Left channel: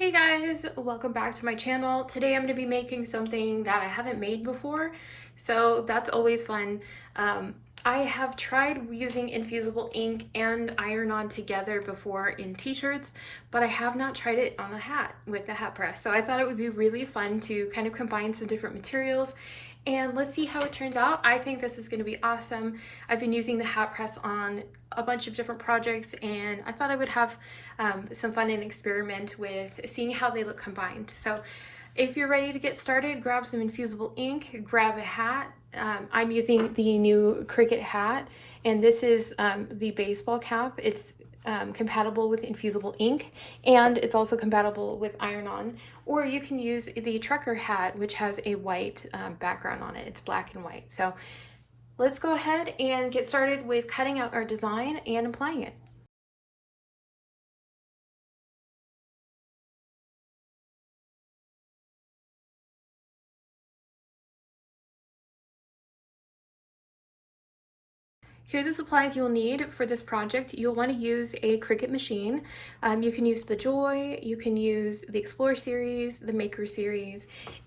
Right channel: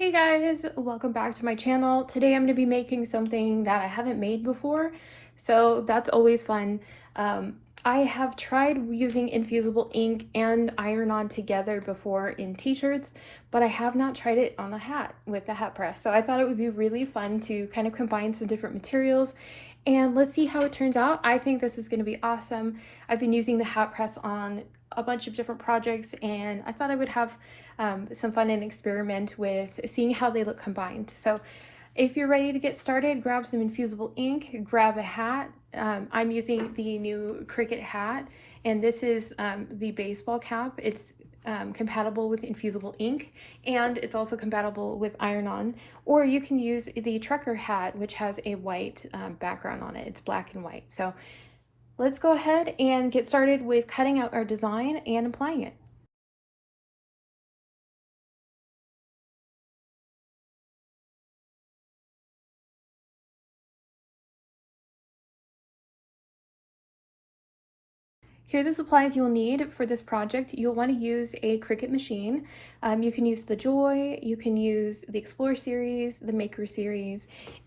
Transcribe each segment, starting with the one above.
Hey guys, welcome back to my channel. Today I'm going to be making something that I haven't made before, so that's always fun. I have tried using infusible ink and iron-on together before in t-shirts, but I have not tried it on a hat with the hat press. So I thought it would be really fun to kind of combine some different materials and let's see how it turns out. I think this is going to be awesome. I've been using the hat press on a bunch of different projects and I thought I would have some fun and experiment with seeing how they look combined. So if you're ready to get started, grab some infusible ink, grab a hat. I'm using the new Cricut hat, and this is the baseball cap. It's compatible with infusible ink, and it's also compatible with iron-on. Or you can use the trucker hat, which has a white background on it. It's black and white. So let's go ahead and get started with cutting out our design and applying it. Here are the supplies you'll need for this project. You'll want to use a Cricut machine. You can use the Joy, you can use the Explore series, the Maker series,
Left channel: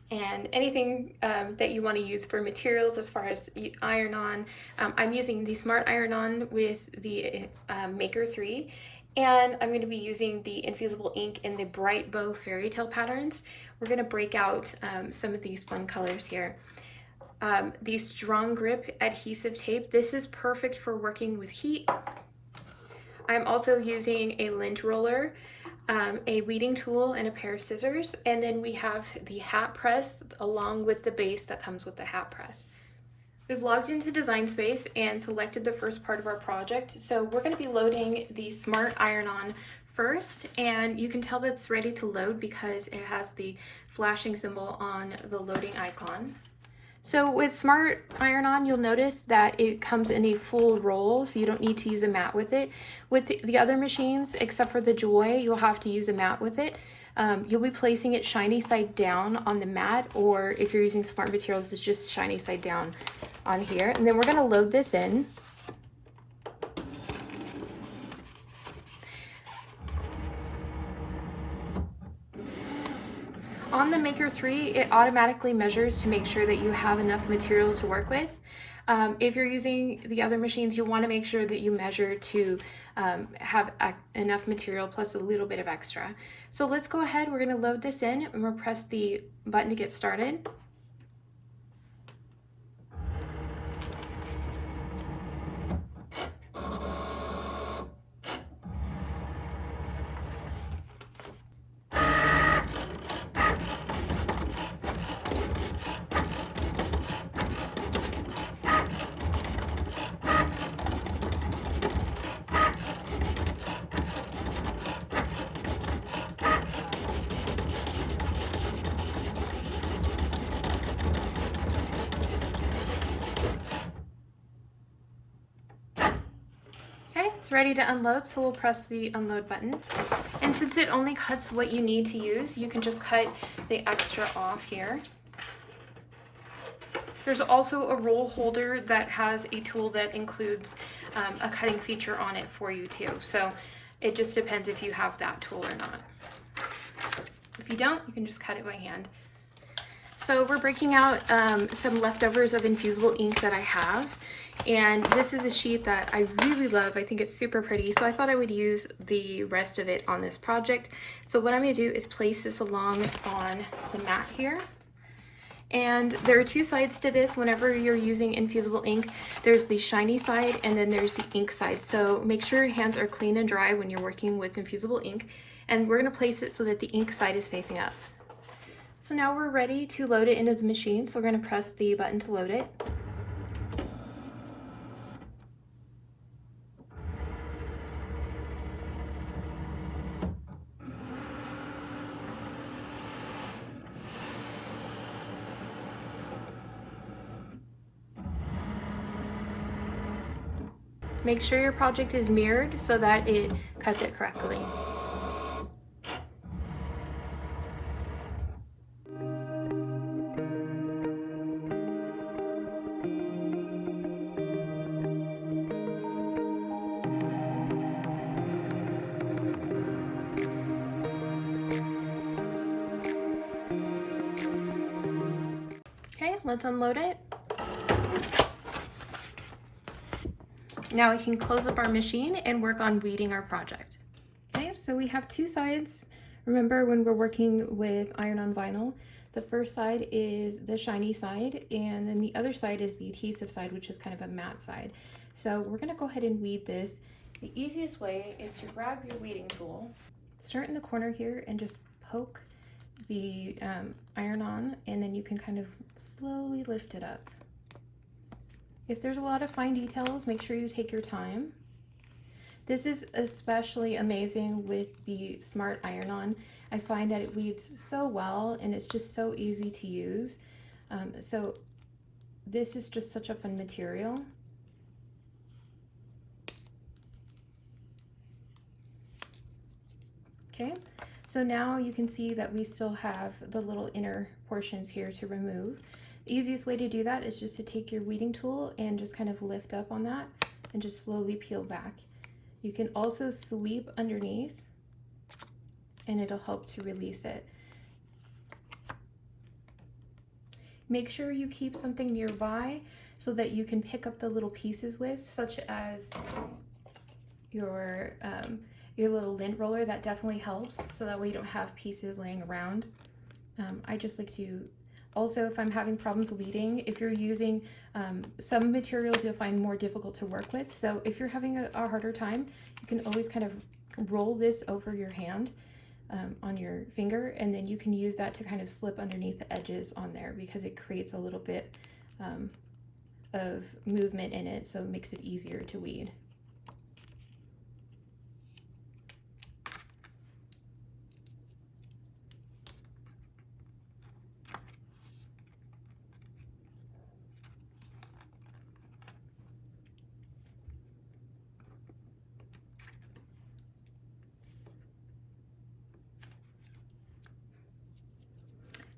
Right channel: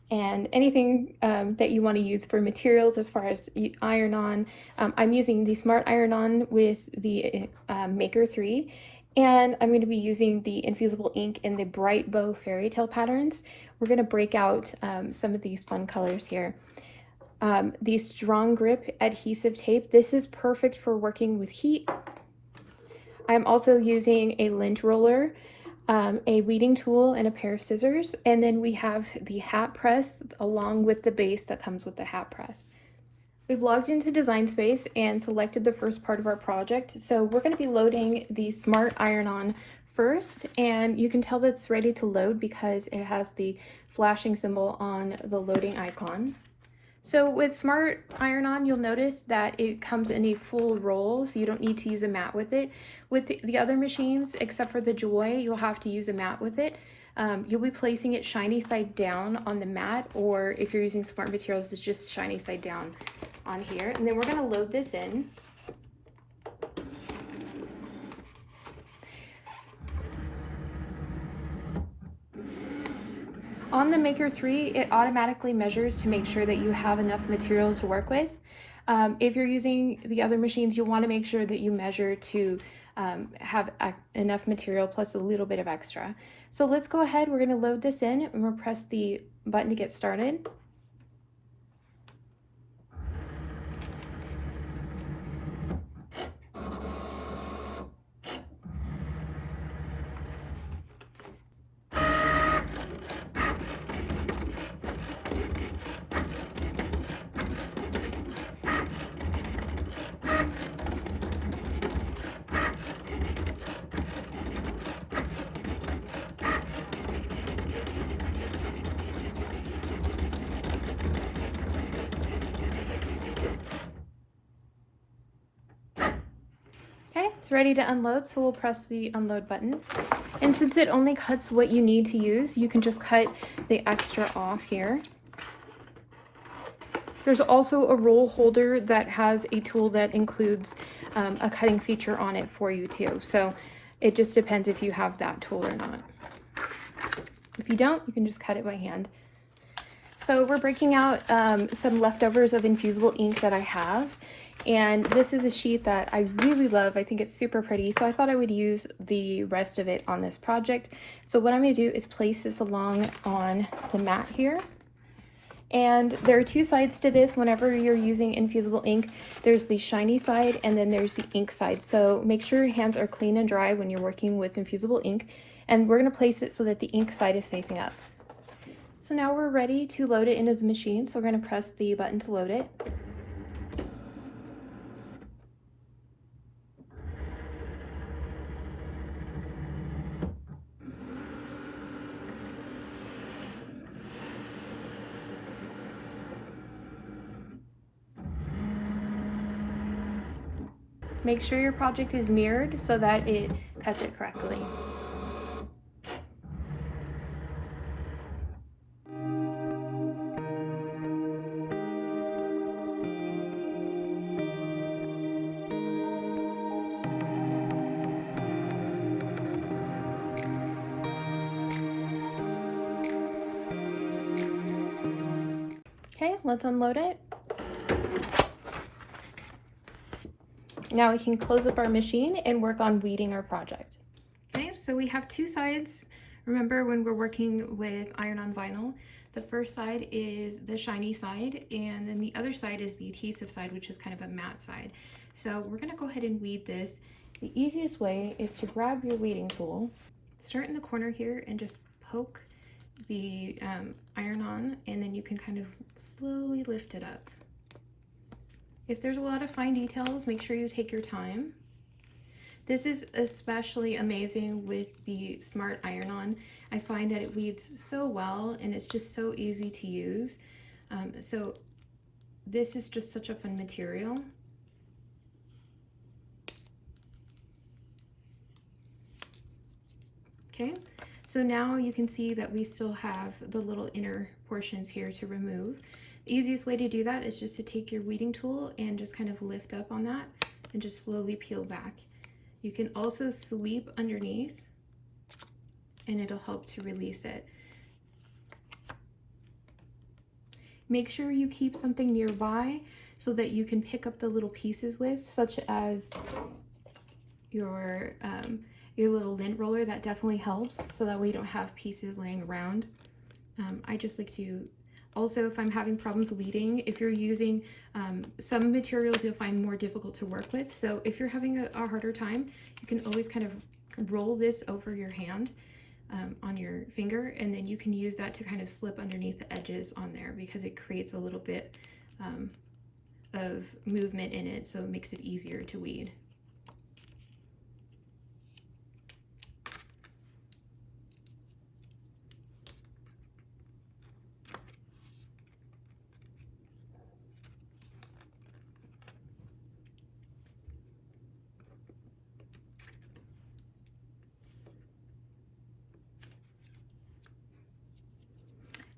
and anything that you want to use for materials as far as iron-on. I'm using the Smart Iron-On with the Maker 3, and I'm going to be using the infusible ink in the Bright Bow Fairy Tale patterns. We're going to break out some of these fun colors here. The Strong Grip adhesive tape. This is perfect for working with heat. I'm also using a lint roller, a weeding tool, and a pair of scissors. And then we have the hat press along with the base that comes with the hat press. We've logged into Design Space and selected the first part of our project. So we're going to be loading the Smart Iron-On first, and you can tell that it's ready to load because it has the flashing symbol on the loading icon. So with Smart Iron-On, you'll notice that it comes in a full roll, so you don't need to use a mat with it. With the other machines, except for the Joy, you'll have to use a mat with it. You'll be placing it shiny side down on the mat, or if you're using Smart Materials, it's just shiny side down on here. And then we're gonna load this in. On the Maker 3, it automatically measures to make sure that you have enough material to work with. If you're using the other machines, you'll want to make sure that you measure to have enough material plus a little bit of extra. So let's go ahead, we're going to load this in and we'll press the button to get started. Okay, it's ready to unload, so we'll press the unload button. And since it only cuts what you need to use, you can just cut the extra off here. There's also a roll holder that has a tool that includes a cutting feature on it for you too. So it just depends if you have that tool or not. If you don't, you can just cut it by hand. So we're breaking out some leftovers of infusible ink that I have. And this is a sheet that I really love. I think it's super pretty. So I thought I would use the rest of it on this project. So what I'm going to do is place this along on the mat here. And there are two sides to this. Whenever you're using infusible ink, there's the shiny side and then there's the ink side. So make sure your hands are clean and dry when you're working with infusible ink. And we're going to place it so that the ink side is facing up. So now we're ready to load it into the machine. So we're going to press the button to load it. Make sure your project is mirrored so that it cuts it correctly. let's unload it. Now we can close up our machine and work on weeding our project. Okay, so we have two sides. Remember, when we're working with iron-on vinyl, the first side is the shiny side, and then the other side is the adhesive side, which is kind of a matte side. So we're gonna go ahead and weed this. The easiest way is to grab your weeding tool, start in the corner here, and just poke the iron-on, and then you can kind of slowly lift it up. If there's a lot of fine details, make sure you take your time. This is especially amazing with the Smart Iron-On. I find that it weeds so well and it's just so easy to use. So this is just such a fun material. Okay, so now you can see that we still have the little inner portions here to remove. The easiest way to do that is just to take your weeding tool and just kind of lift up on that and just slowly peel back. You can also sweep underneath and it'll help to release it. Make sure you keep something nearby so that you can pick up the little pieces with, such as your little lint roller. That definitely helps, so that way you don't have pieces laying around. I just like to, also, if I'm having problems weeding, if you're using some materials you'll find more difficult to work with, so if you're having a harder time, you can always kind of roll this over your hand on your finger, and then you can use that to kind of slip underneath the edges on there, because it creates a little bit of movement in it, so it makes it easier to weed.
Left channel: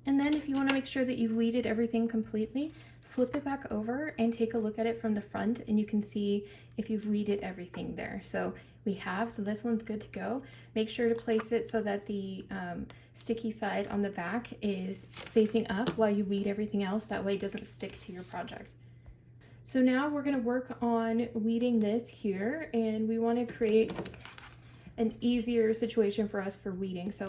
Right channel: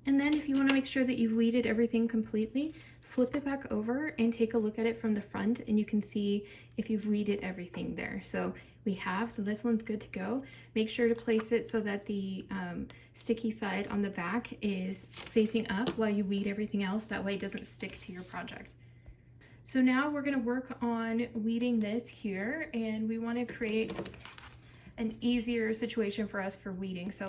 And then if you want to make sure that you've weeded everything completely, flip it back over and take a look at it from the front, and you can see if you've weeded everything there. So we have, so this one's good to go. Make sure to place it so that the sticky side on the back is facing up while you weed everything else. That way it doesn't stick to your project. So now we're going to work on weeding this here, and we want to create an easier situation for us for weeding. So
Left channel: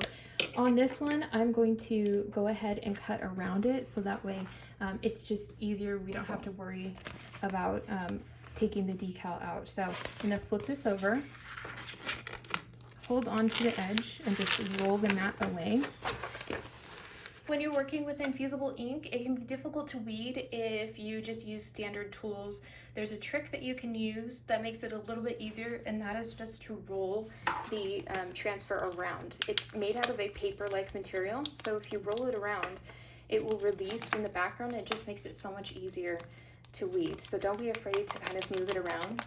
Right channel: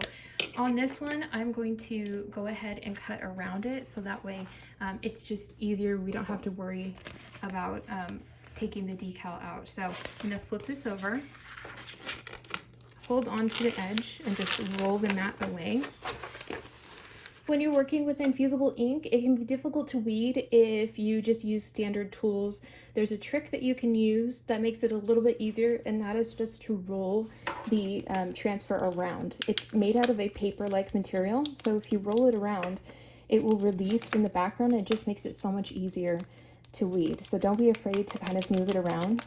on this one, I'm going to go ahead and cut around it, so that way it's just easier. We don't have to worry about taking the decal out. So I'm gonna flip this over, hold on to the edge, and just roll the mat away. When you're working with infusible ink, it can be difficult to weed if you just use standard tools. There's a trick that you can use that makes it a little bit easier, and that is just to roll the transfer around. It's made out of a paper-like material, so if you roll it around, it will release from the background. It just makes it so much easier to weed. So don't be afraid to kind of move it around.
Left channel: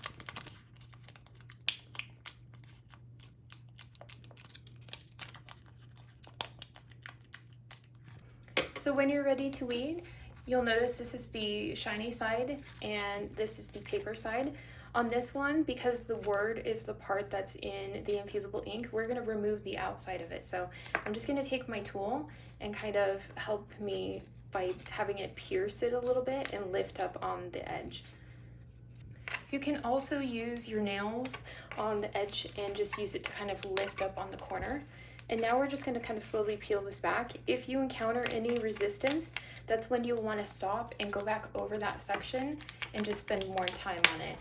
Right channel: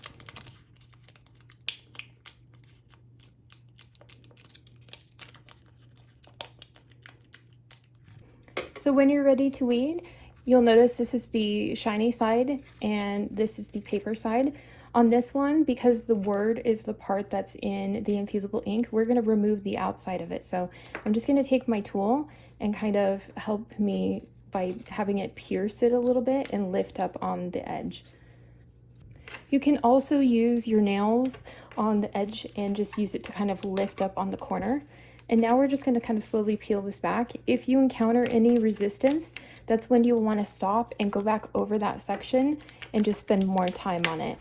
So when you're ready to weed, you'll notice this is the shiny side and this is the paper side. On this one, because the word is the part that's in the infusible ink, we're going to remove the outside of it. So I'm just going to take my tool and kind of help me by having it pierce it a little bit and lift up on the edge. You can also use your nails on the edge and just use it to kind of lift up on the corner. And now we're just going to kind of slowly peel this back. If you encounter any resistance, that's when you'll want to stop and go back over that section and just spend more time on it.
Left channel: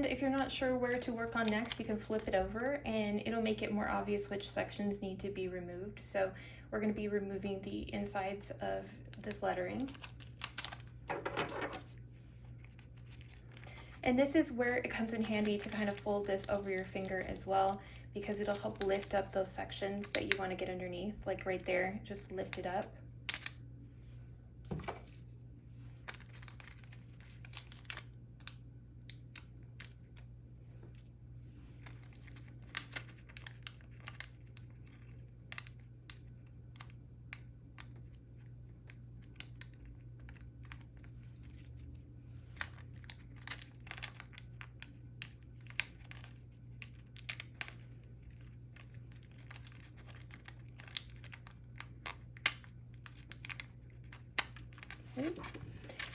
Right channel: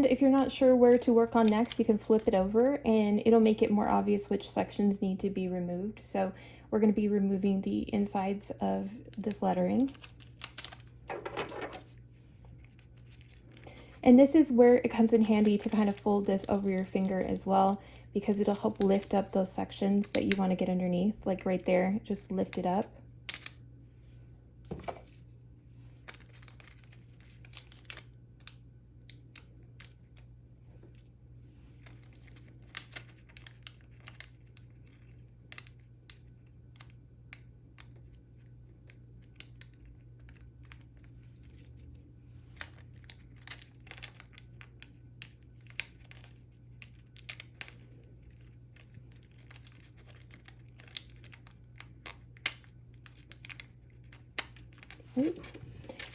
And if you're not sure where to work on next, you can flip it over and it'll make it more obvious which sections need to be removed. So we're going to be removing the insides of this lettering. And this is where it comes in handy to kind of fold this over your finger as well, because it'll help lift up those sections that you want to get underneath, like right there, just lift it up.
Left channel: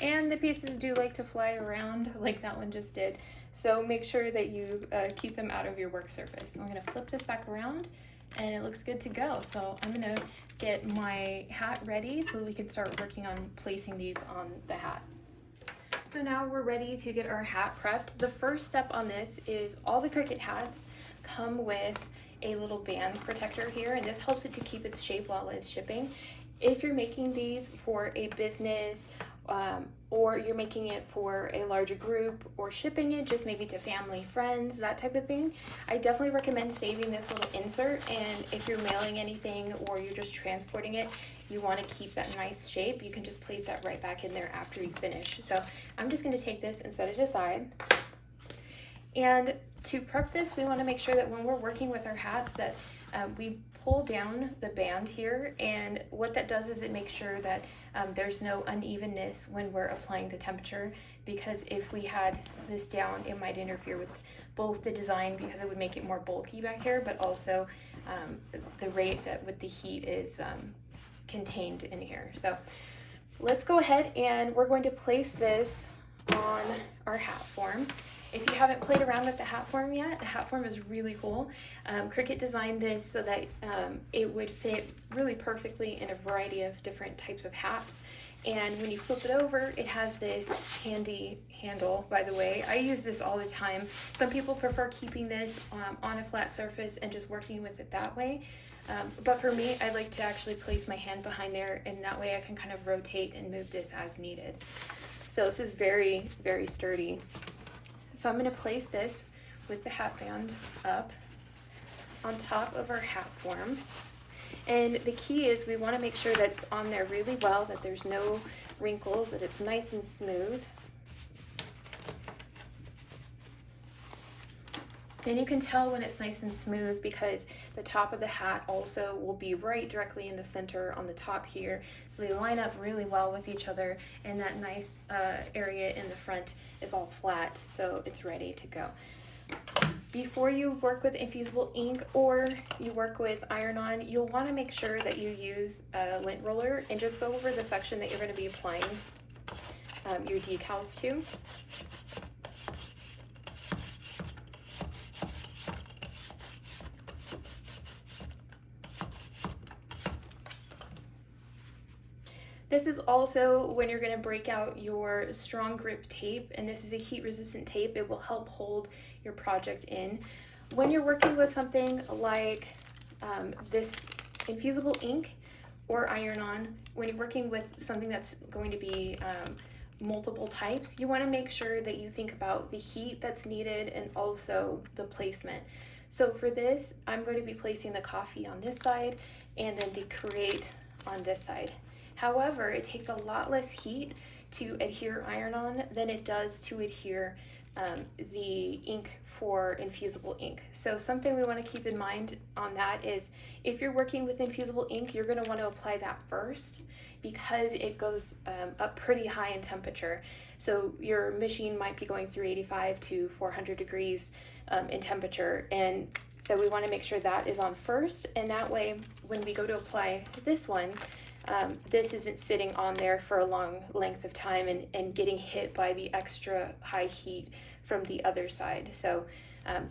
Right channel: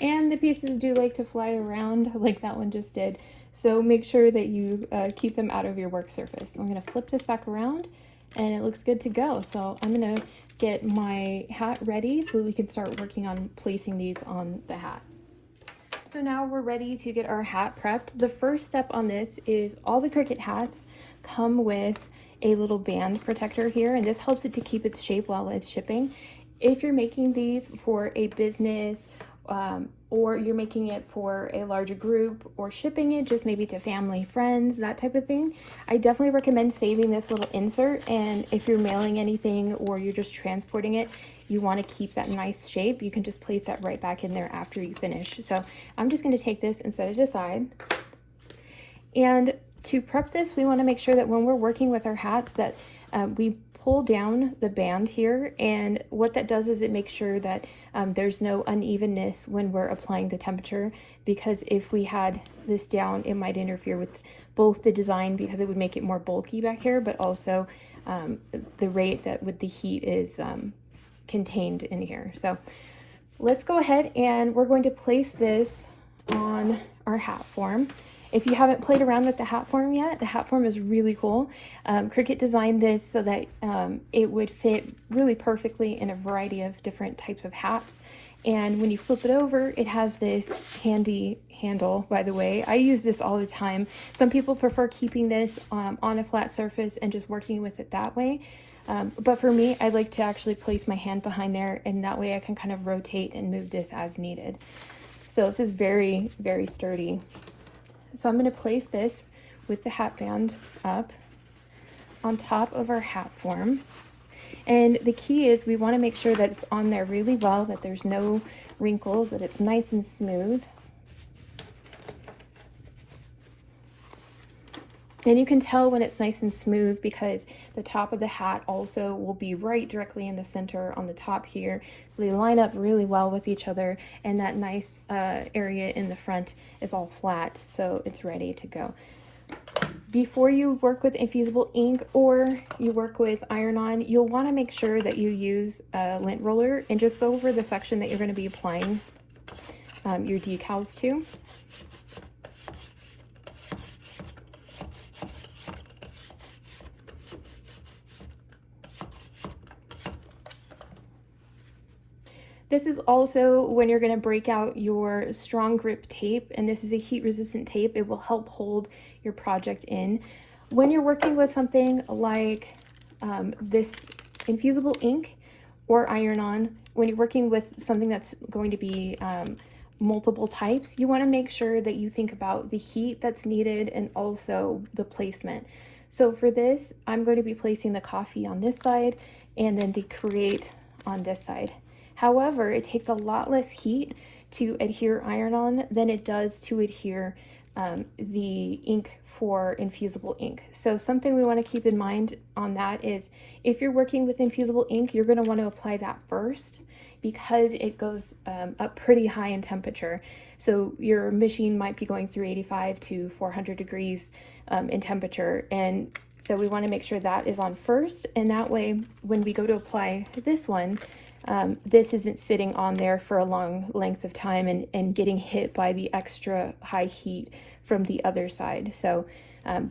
And the pieces do like to fly around like that one just did. So make sure that you keep them out of your work surface. So I'm going to flip this back around and it looks good to go. So I'm going to get my hat ready so that we can start working on placing these on the hat. So now we're ready to get our hat prepped. The first step on this is all the Cricut hats come with a little band protector here, and this helps it to keep its shape while it's shipping. If you're making these for a business or you're making it for a larger group or shipping it just maybe to family, friends, that type of thing, I definitely recommend saving this little insert. And if you're mailing anything or you're just transporting it, you want to keep that nice shape, you can just place that right back in there after you finish. So I'm just going to take this and set it aside. And to prep this, we want to make sure that when we're working with our hats that we pull down the band here, and what that does is it makes sure that there's no unevenness when we're applying the temperature, because if we had this down, it might interfere with both the design because it would make it more bulky back here, but also the rate that with the heat is contained in here. So let's go ahead and we're going to place this on our hat form. If you haven't played around with the hat form yet, the hat form is really cool. Cricut designed this so that it would fit really perfectly in a variety of different types of hats. And when you flip it over, it has this handy handle, by the way. I use this all the time. Some people prefer keeping this on a flat surface and just working with it that way. But for me, I like to actually place my hand behind there, and that way I can kind of rotate and move this as needed. So this is very, very sturdy. So I'm going to place this with the hat band up on top of our hat form. And the key is we want to make sure that it's on there really well, that there's no wrinkles, that it's nice and smooth. And you can tell when it's nice and smooth because the top of the hat also will be right directly in the center on the top here. So they line up really well with each other, and that nice area in the front is all flat, so it's ready to go. Before you work with infusible ink or you work with iron-on, you'll want to make sure that you use a lint roller and just go over the section that you're going to be applying your decals to. This is also when you're going to break out your strong grip tape, and this is a heat resistant tape. It will help hold your project in. When you're working with something like this infusible ink or iron-on, when you're working with something that's going to be multiple types, you want to make sure that you think about the heat that's needed and also the placement. So for this, I'm going to be placing the coffee on this side and then the create on this side. However, it takes a lot less heat to adhere iron-on than it does to adhere the ink for infusible ink. So something we want to keep in mind on that is if you're working with infusible ink, you're going to want to apply that first because it goes up pretty high in temperature. So your machine might be going 385 to 400 degrees in temperature, and so we want to make sure that is on first, and that way when we go to apply this one, this isn't sitting on there for a long length of time and getting hit by the extra high heat from the other side. So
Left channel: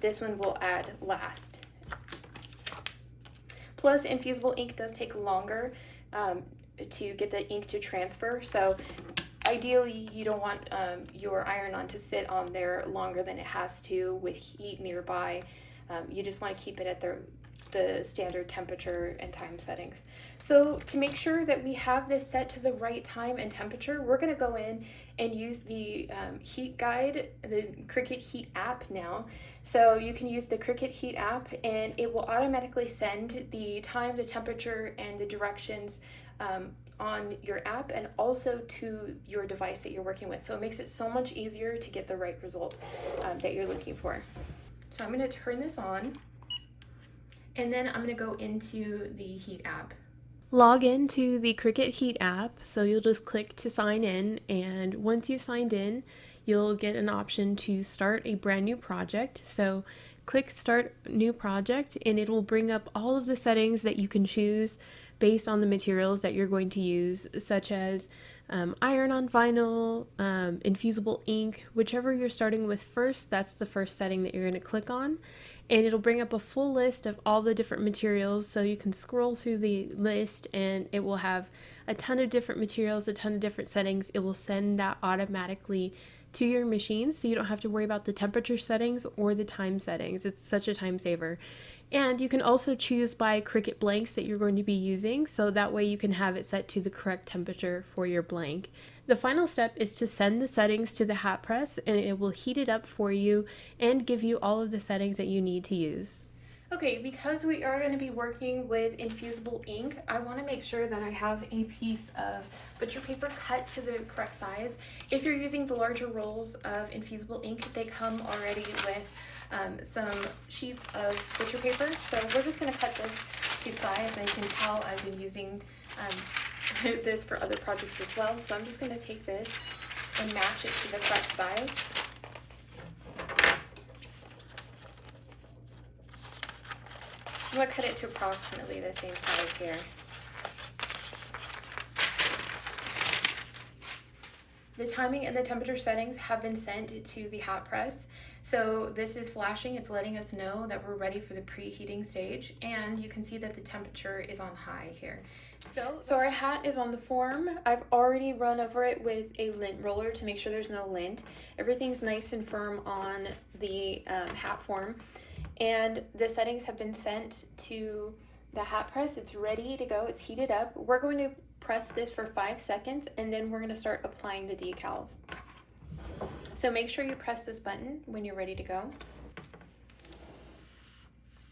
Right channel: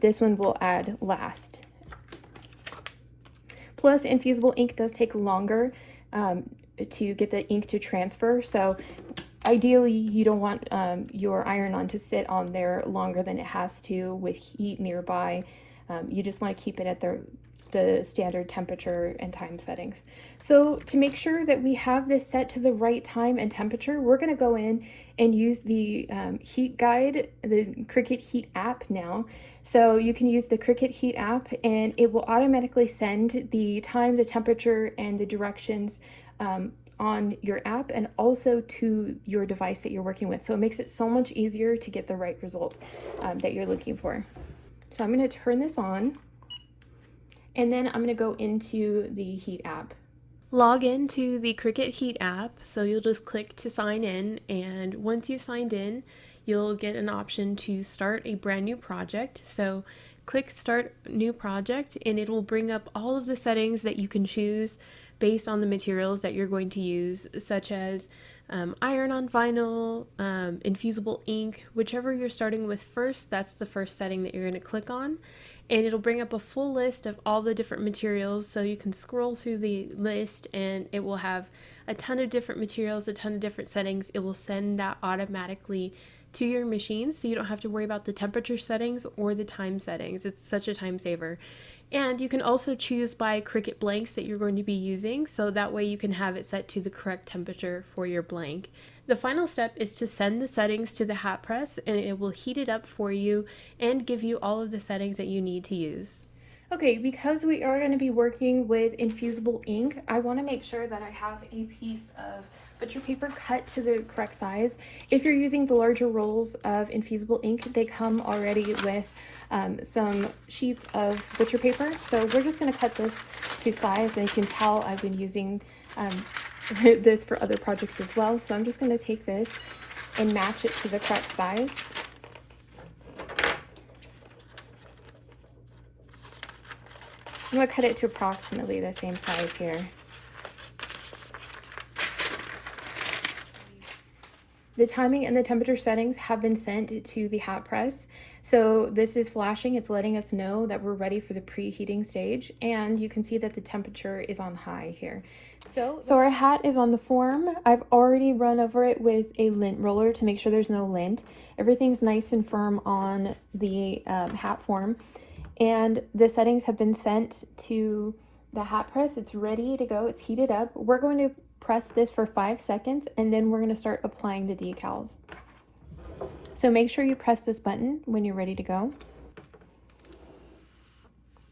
this one will add last. Plus, infusible ink does take longer to get the ink to transfer. So Ideally, you don't want your iron-on to sit on there longer than it has to with heat nearby. You just want to keep it at the standard temperature and time settings. So to make sure that we have this set to the right time and temperature, we're going to go in and use the heat guide, the Cricut Heat App now. So you can use the Cricut Heat App and it will automatically send the time, the temperature, and the directions on your app and also to your device that you're working with. So it makes it so much easier to get the right result that you're looking for. So I'm going to turn this on and then I'm going to go into the Heat app. Log into the Cricut Heat app, so you'll just click to sign in, and once you've signed in, you'll get an option to start a brand new project. So click Start New Project and it will bring up all of the settings that you can choose based on the materials that you're going to use, such as iron-on vinyl, infusible ink, whichever you're starting with first, that's the first setting that you're going to click on. And it'll bring up a full list of all the different materials, so you can scroll through the list and it will have a ton of different materials, a ton of different settings. It will send that automatically to your machine, so you don't have to worry about the temperature settings or the time settings. It's such a time saver. And you can also choose by Cricut blanks that you're going to be using, so that way you can have it set to the correct temperature for your blank. The final step is to send the settings to the hat press and it will heat it up for you and give you all of the settings that you need to use. Okay, because we are going to be working with infusible ink, I want to make sure that I have a piece of butcher paper cut to the correct size. If you're using the larger rolls of infusible ink, they come already with some sheets of butcher paper. So we're just going to cut this to size, and you can tell I've been using this for other projects as well. So I'm just going to take this and match it to the correct size. I'm going to cut it to approximately the same size here. The timing and the temperature settings have been sent to the hat press. So this is flashing, it's letting us know that we're ready for the preheating stage, and you can see that the temperature is on high here. So our hat is on the form. I've already run over it with a lint roller to make sure there's no lint. Everything's nice and firm on the hat form. And the settings have been sent to the hat press. It's ready to go. It's heated up. We're going to press this for 5 seconds and then we're going to start applying the decals. So make sure you press this button when you're ready to go.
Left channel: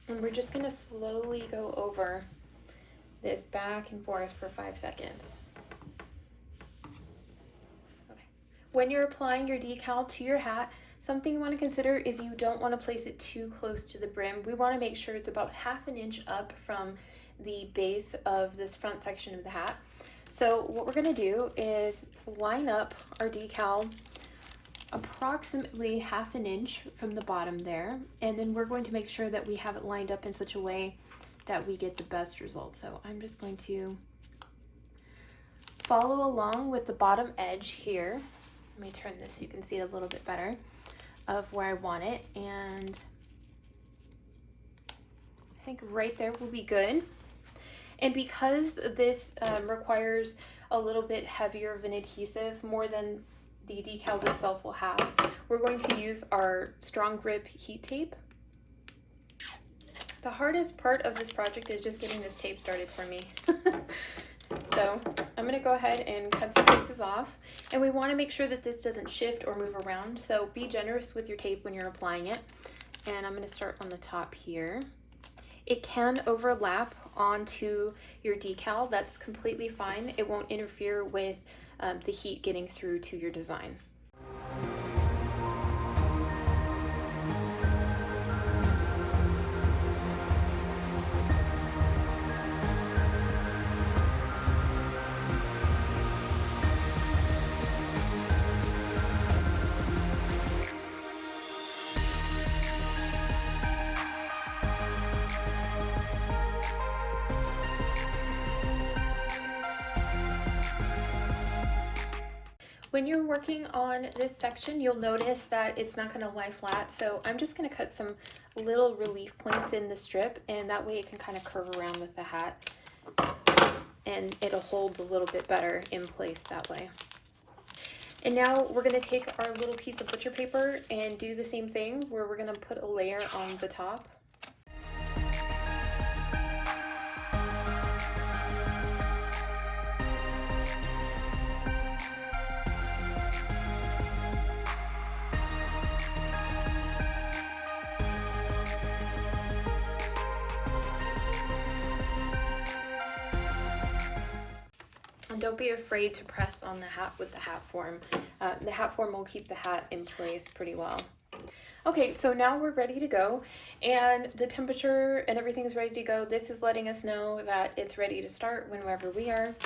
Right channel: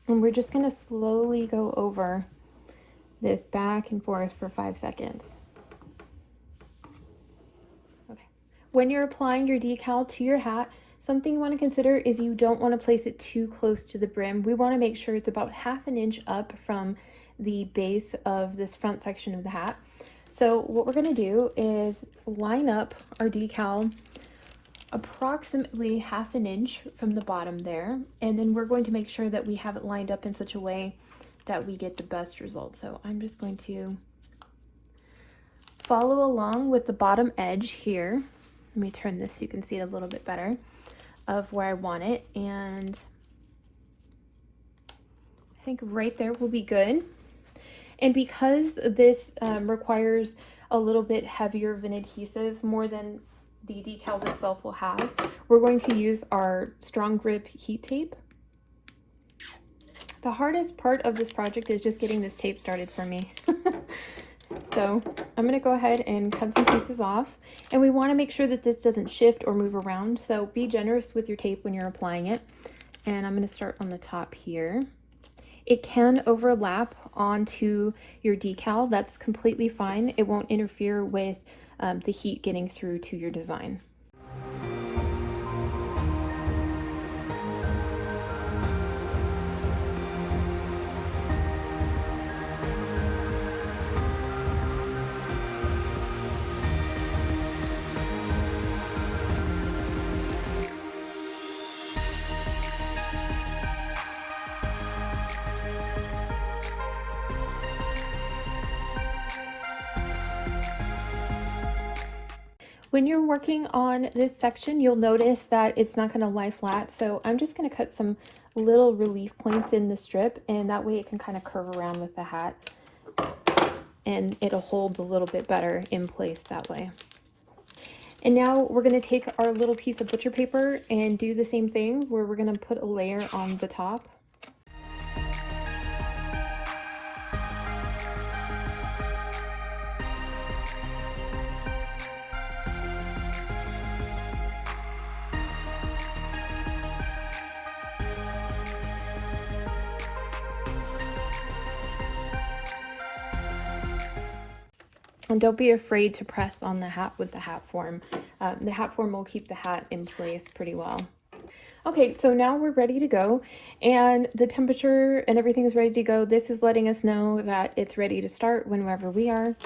And we're just going to slowly go over this back and forth for 5 seconds. Okay. When you're applying your decal to your hat, something you want to consider is you don't want to place it too close to the brim. We want to make sure it's about 1/2 inch up from the base of this front section of the hat. So what we're going to do is line up our decal approximately 1/2 inch from the bottom there, and then we're going to make sure that we have it lined up in such a way that we get the best results. So I'm just going to follow along with the bottom edge here. Let me turn this so you can see it a little bit better of where I want it, and I think right there will be good. And because this requires a little bit heavier of an adhesive, more than the decals itself will have, we're going to use our strong grip heat tape. The hardest part of this project is just getting this tape started for me. So I'm going to go ahead and cut some pieces off, and we want to make sure that this doesn't shift or move around, so be generous with your tape when you're applying it. And I'm going to start on the top here. It can overlap onto your decal. That's completely fine. It won't interfere with the heat getting through to your design. When you're working on this section, you'll notice that it's not going to lie flat, so I'm just going to cut some little relief points in the strip, and that way it can kind of curve around with the hat and it'll hold a little bit better in place that way. And now we're going to take our little piece of butcher paper and do the same thing where we're going to put a layer on the top. And don't be afraid to press on the hat with the hat form. The hat form will keep the hat in place pretty well. Okay, so now we're ready to go, and the temperature and everything is ready to go. This is letting us know that it's ready to start whenever we are.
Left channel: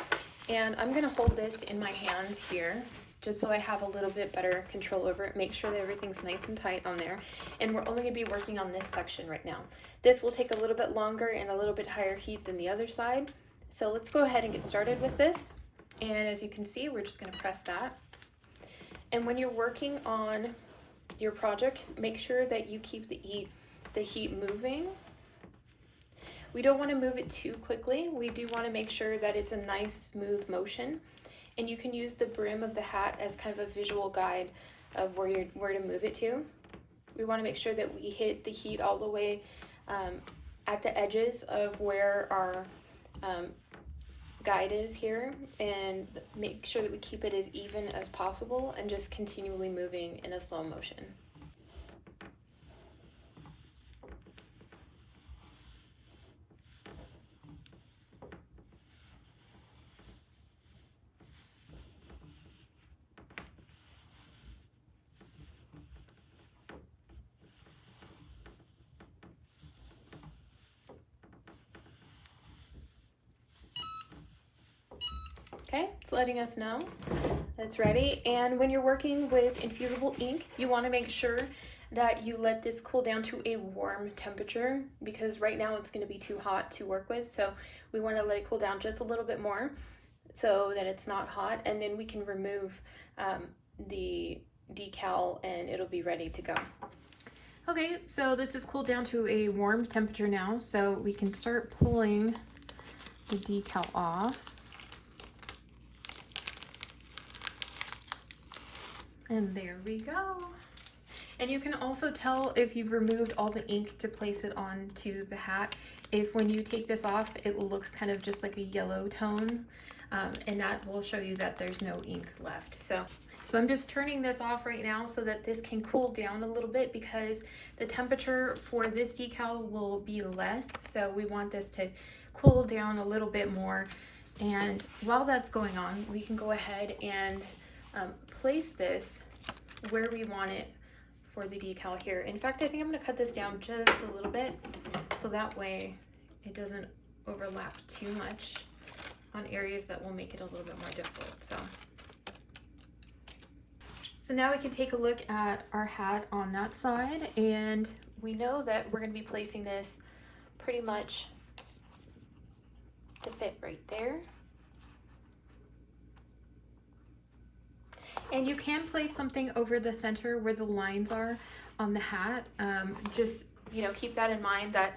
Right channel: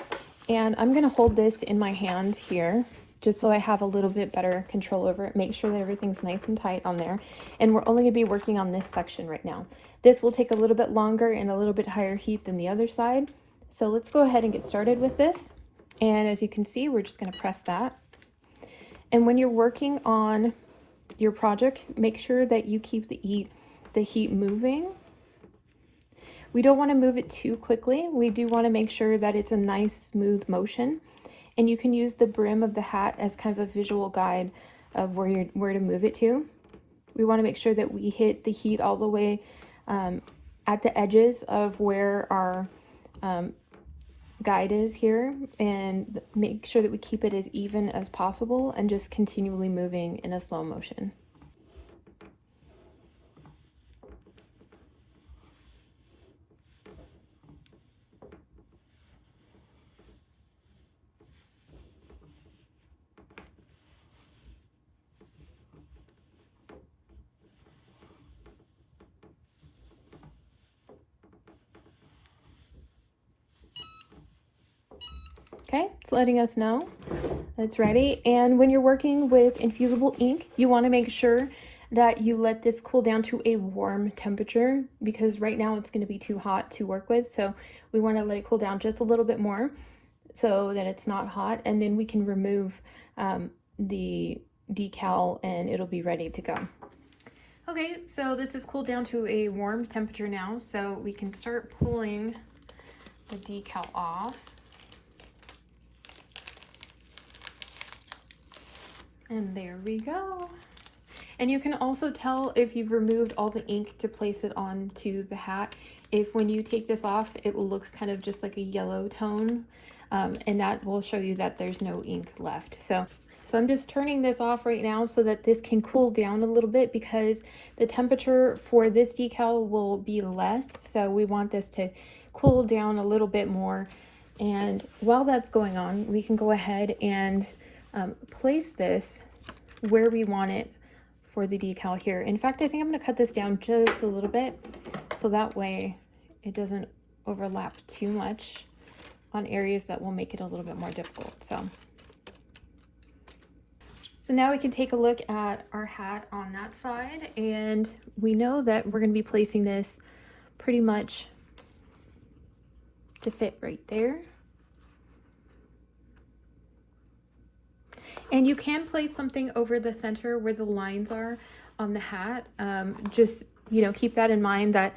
And I'm gonna hold this in my hand here, just so I have a little bit better control over it. Make sure that everything's nice and tight on there. And we're only gonna be working on this section right now. This will take a little bit longer and a little bit higher heat than the other side. So let's go ahead and get started with this. And as you can see, we're just gonna press that. And when you're working on your project, make sure that you keep the heat moving. We don't want to move it too quickly. We do want to make sure that it's a nice smooth motion, and you can use the brim of the hat as kind of a visual guide of where to move it to. We want to make sure that we hit the heat all the way at the edges of where our guide is here, and make sure that we keep it as even as possible and just continually moving in a slow motion. Okay, it's letting us know that it's ready. And when you're working with infusible ink, you want to make sure that you let this cool down to a warm temperature, because right now it's going to be too hot to work with. So we want to let it cool down just a little bit more so that it's not hot, and then we can remove the decal and it'll be ready to go. Okay, so this is cooled down to a warm temperature now, so we can start pulling the decal off. And there we go. And you can also tell if you've removed all the ink to place it onto the hat. If when you take this off, it looks kind of just like a yellow tone, and that will show you that there's no ink left. So I'm just turning this off right now so that this can cool down a little bit, because the temperature for this decal will be less. So we want this to cool down a little bit more. And while that's going on, we can go ahead and place this where we want it for the decal here. In fact, I think I'm going to cut this down just a little bit so that way it doesn't overlap too much on areas that will make it a little bit more difficult. So now we can take a look at our hat on that side, and we know that we're going to be placing this pretty much to fit right there. And you can place something over the center where the lines are on the hat. Just, keep that in mind that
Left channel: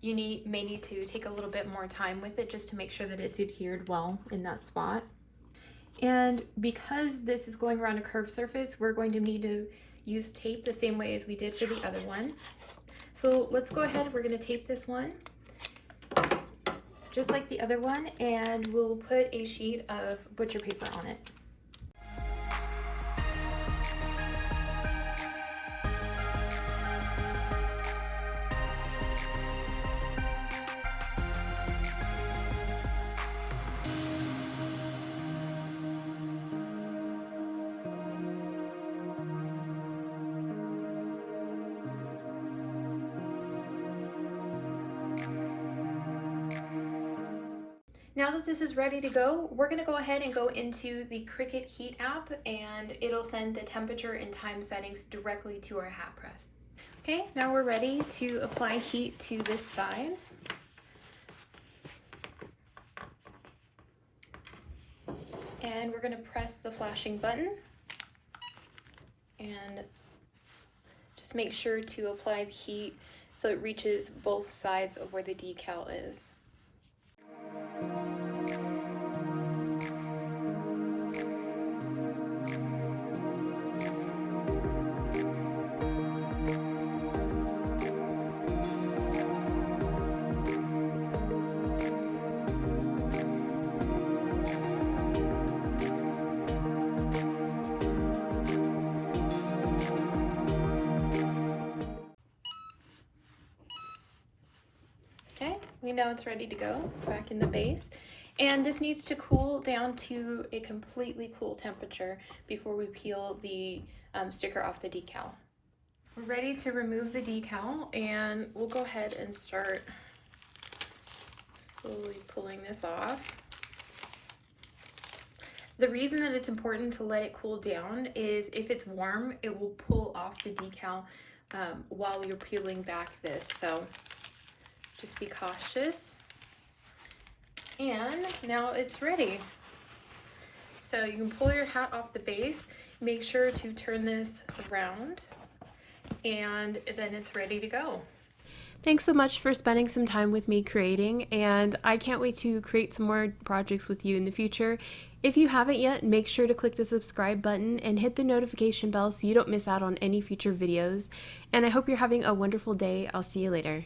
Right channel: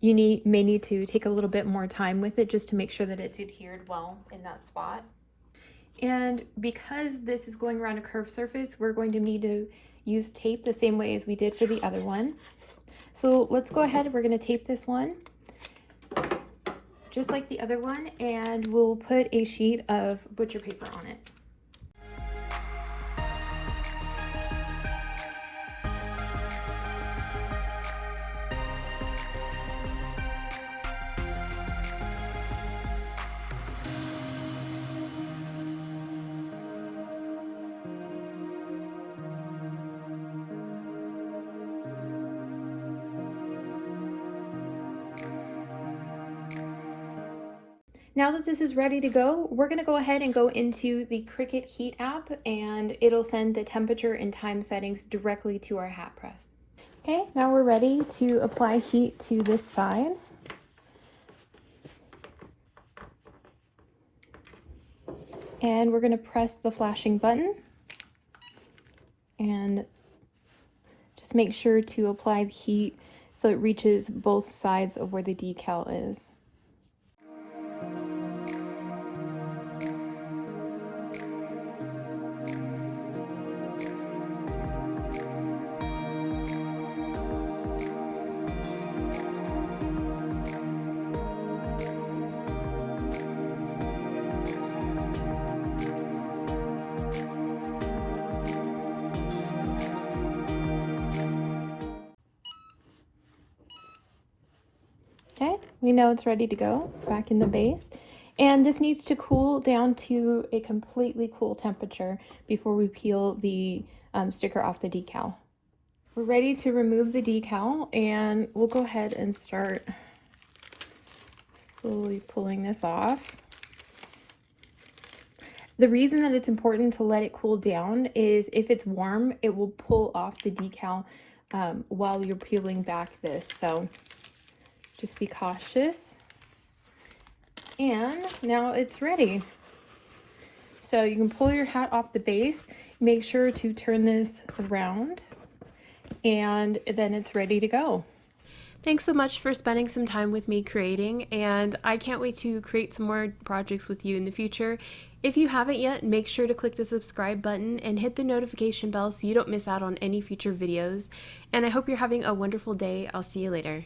you may need to take a little bit more time with it just to make sure that it's adhered well in that spot. And because this is going around a curved surface, we're going to need to use tape the same way as we did for the other one. So let's go ahead, we're going to tape this one just like the other one, and we'll put a sheet of butcher paper on it. Now that this is ready to go, we're going to go ahead and go into the Cricut Heat App, and it'll send the temperature and time settings directly to our hat press. Okay, now we're ready to apply heat to this side. And we're going to press the flashing button and just make sure to apply the heat so it reaches both sides of where the decal is. we know it's ready to go back in the base. And this needs to cool down to a completely cool temperature before we peel the sticker off the decal. We're ready to remove the decal, and we'll go ahead and start slowly pulling this off. The reason that it's important to let it cool down is if it's warm, it will pull off the decal while you're peeling back this. So just be cautious. And now it's ready. So you can pull your hat off the base. Make sure to turn this around, and then it's ready to go. Thanks so much for spending some time with me creating, and I can't wait to create some more projects with you in the future. If you haven't yet, make sure to click the subscribe button and hit the notification bell so you don't miss out on any future videos. And I hope you're having a wonderful day. I'll see you later.